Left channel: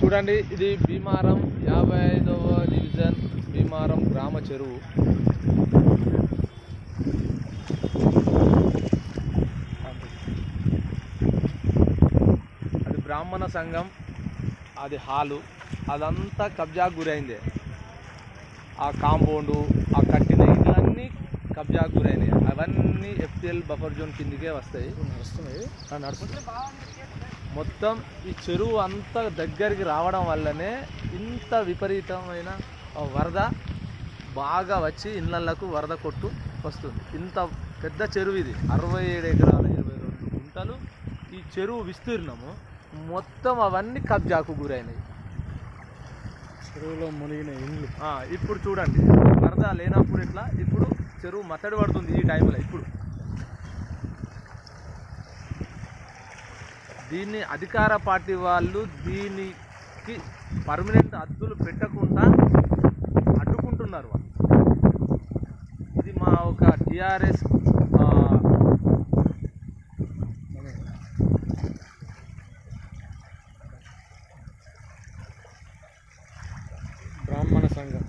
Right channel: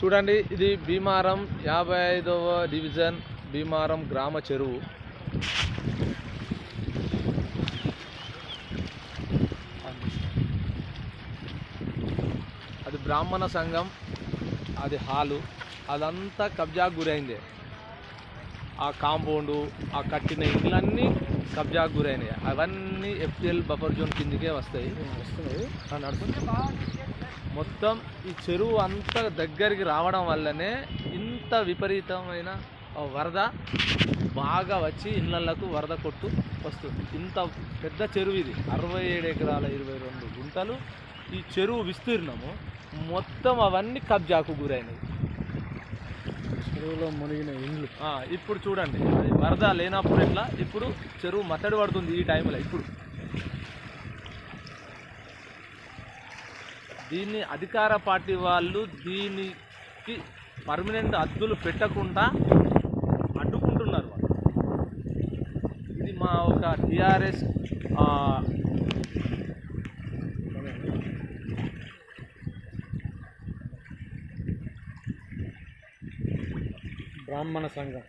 చూడండి, ఇది భీమారం 55వ డివిజన్ భీమారం గ్రామ చెరువు. అది బ్రాహ్మణ సంఘం, అది హాలు, అదంతా కబ్జాకు గురైందే. ఆ కాంపౌండు, ఆ కట్టిన ఇళ్ళన్నీ కబ్జాకు గురైనాయి. అవన్నీ ఎఫ్టిఎల్ బఫర్ జోన్ కిందికే వస్తాయి. నడుస్తుంది. మొత్తం ఈ చెరువు అంతా దగ్గరికి రావడం వల్లనే ఇంత విపరీతమైన వరద బాగా వచ్చి ఇళ్ళకు వరద కొట్టు వస్తుంది. ఇంత పెద్ద చెరువు ఇది, 67 ఎకరాల 22 గుంటలు ఈ చెరువు విస్తీర్ణము. మొత్తం అవన్నీ కబ్జాకు గురైనాయి. చెరువులో మునిగిన ఇండ్లు. ఇప్పుడు చూడండి, వరద లేనప్పుడు ఎట్లా, ఇప్పుడు చెరువు మత్తడి పడుతుంది ఈ టైంలో. ఇప్పుడు దీన్ని అధికార పార్టీ వాళ్ళు దీనికి పర్మనెంట్ హద్దులు పెట్టకుండా అడ్డుకుంటున్నారు వాళ్ళు. ఇది మా ఒక టిఆర్ఎస్ బ్రాహ్మణ సంఘం.